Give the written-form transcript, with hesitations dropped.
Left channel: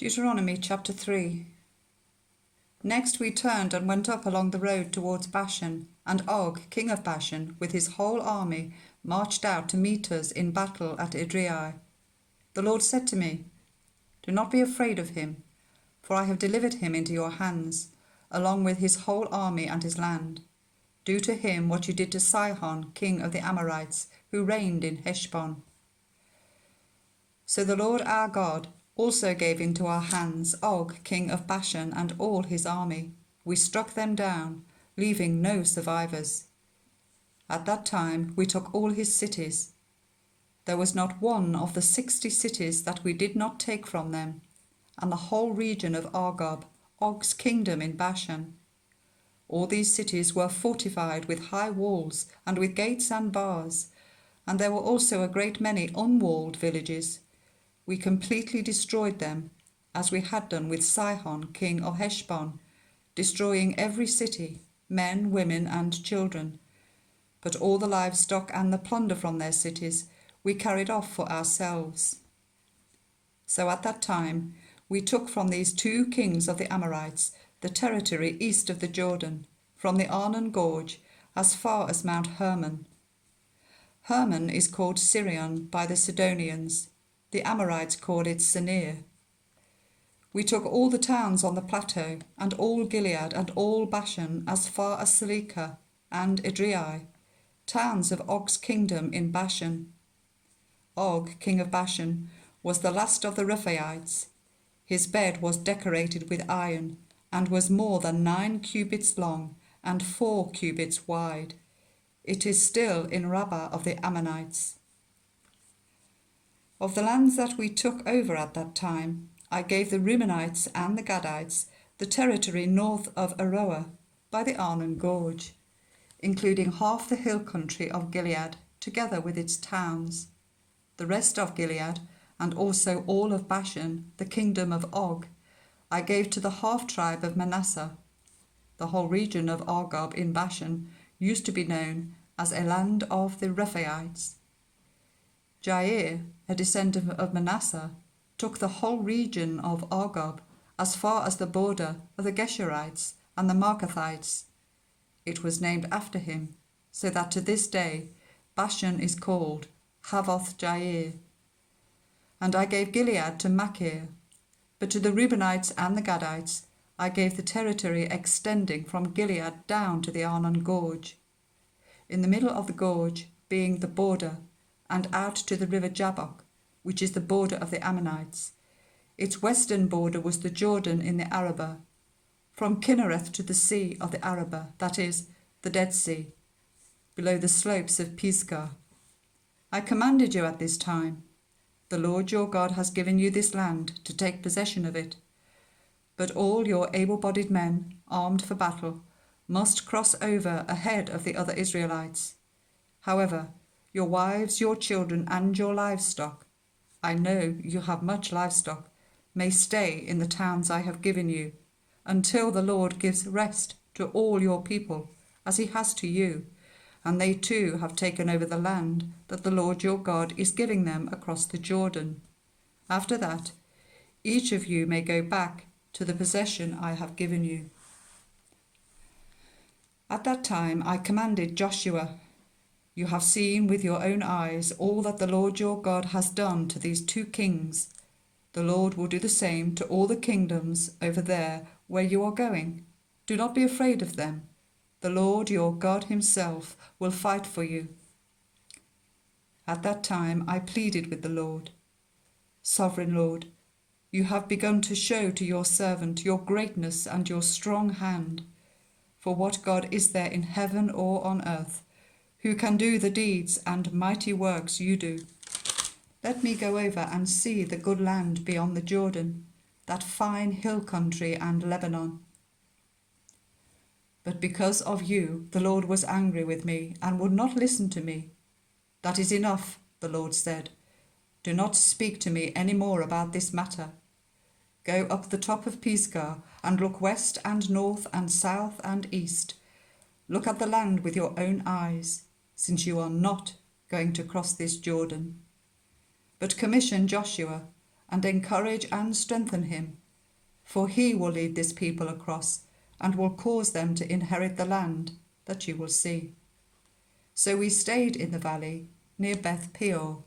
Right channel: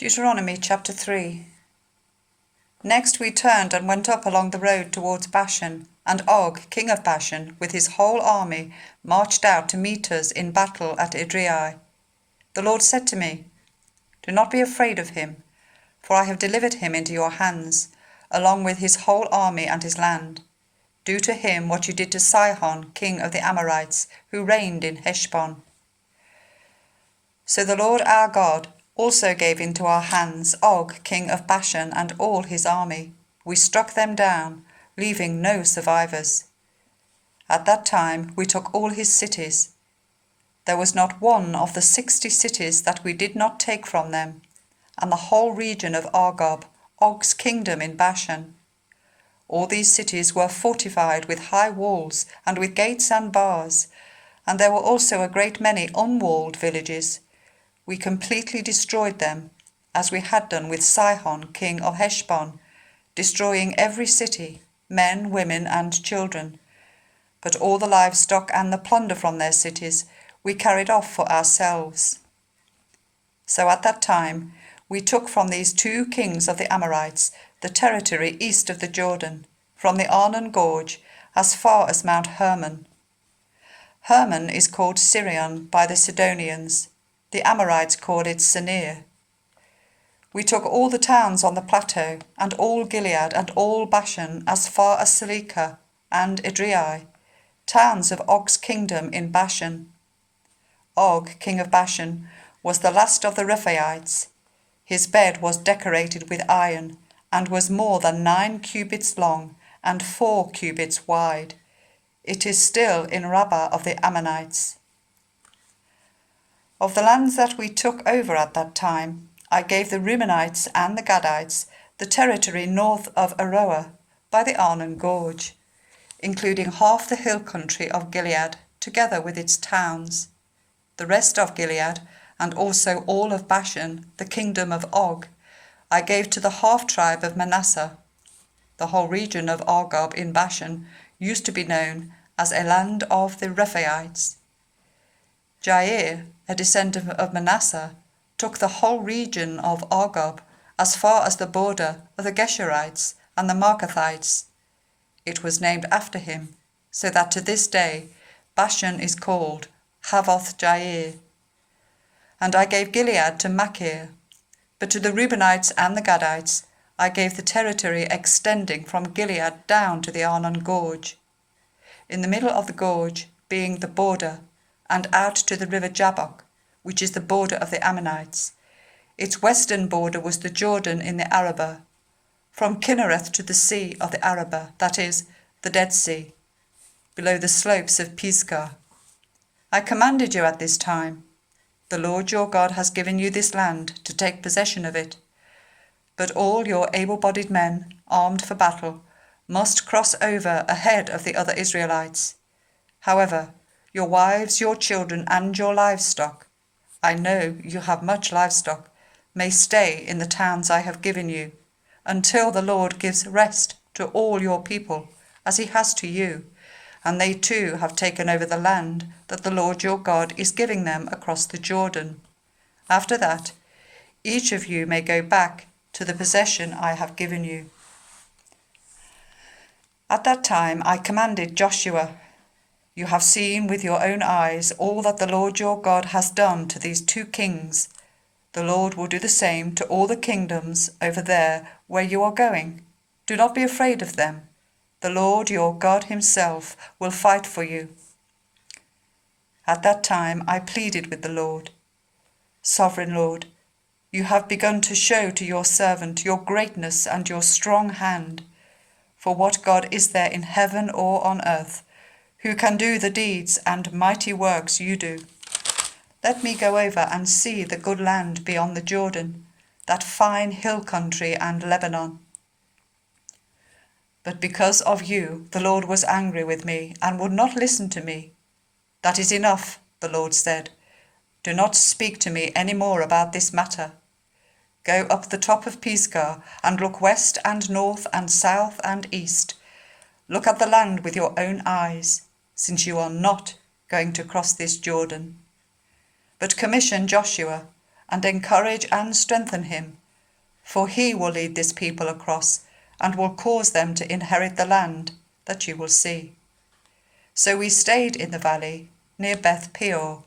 Deuteronomy chapter 3. Next we turned and went up along the road towards Bashan, and Og, king of Bashan, with his whole army, marched out to meet us in battle at Edrei. The Lord said to me, "Do not be afraid of him, for I have delivered him into your hands, along with his whole army and his land. Do to him what you did to Sihon, king of the Amorites, who reigned in Heshbon." So the Lord our God also gave into our hands Og, king of Bashan, and all his army. We struck them down, leaving no survivors. At that time we took all his cities. There was not one of the 60 cities that we did not take from them, and the whole region of Argob, Og's kingdom in Bashan. All these cities were fortified with high walls and with gates and bars, and there were also a great many unwalled villages. We completely destroyed them, as we had done with Sihon, king of Heshbon, destroying every city, men, women, and children. But all the livestock and the plunder from their cities we carried off for ourselves. So at that time we took from these 2 kings of the Amorites the territory east of the Jordan, from the Arnon Gorge as far as Mount Hermon. Hermon is called Sirion by the Sidonians. The Amorites called it Senir. We took all the towns on the plateau, and all Gilead, and all Bashan, as far as Salekah and Edrei, towns of Og's kingdom in Bashan. Og, king of Bashan, was the last of the Rephaites. His bed was decorated with iron, and was more than 9 cubits long, and 4 cubits wide. It is still in Rabbah of the Ammonites. Of the lands that we took over at that time, I gave the Reubenites and the Gadites the territory north of Aroer by the Arnon Gorge, including half the hill country of Gilead, together with its towns. The rest of Gilead, and also all of Bashan, the kingdom of Og, I gave to the half-tribe of Manasseh. The whole region of Argob in Bashan used to be known as a land of the Rephaites. Jair, a descendant of Manasseh, took the whole region of Argob as far as the border of the Geshurites and the Marcathites. It was named after him, so that to this day Bashan is called Havoth Jair. And I gave Gilead to Machir, but to the Reubenites and the Gadites I gave the territory extending from Gilead down to the Arnon Gorge. In the middle of the gorge, being the border, and out to the river Jabbok, which is the border of the Ammonites. Its western border was the Jordan in the Arabah, from Kinnereth to the sea of the Arabah, that is, the Dead Sea, below the slopes of Pisgah. I commanded you at this time, "The Lord your God has given you this land to take possession of it. But all your able-bodied men, armed for battle, must cross over ahead of the other Israelites. However, your wives, your children, and your livestock, I know you have much livestock, may stay in the towns I have given you, until the Lord gives rest to all your people, as he has to you, and they too have taken over the land that the Lord your God is giving them across the Jordan. After that, each of you may go back to the possession I have given you." At that time I commanded Joshua, "You have seen with your own eyes all that the Lord your God has done to these 2 kings. The Lord will do the same to all the kingdoms over there where you are going. Do not be afraid of them. The Lord your God himself will fight for you." At that time I pleaded with the Lord, "Sovereign Lord, you have begun to show to your servant your greatness and your strong hand. For what God is there in heaven or on earth who can do the deeds and mighty works you do? Let me go over and see the good land beyond the Jordan, that fine hill country and Lebanon." But because of you, the Lord was angry with me and would not listen to me. "That is enough," the Lord said. "Do not speak to me any more about this matter. Go up the top of Pisgah and look west and north and south and east. Look at the land with your own eyes, since you are not going to cross this Jordan. But commission Joshua and encourage and strengthen him, for he will lead this people across and will cause them to inherit the land that you will see." So we stayed in the valley near Beth Peor.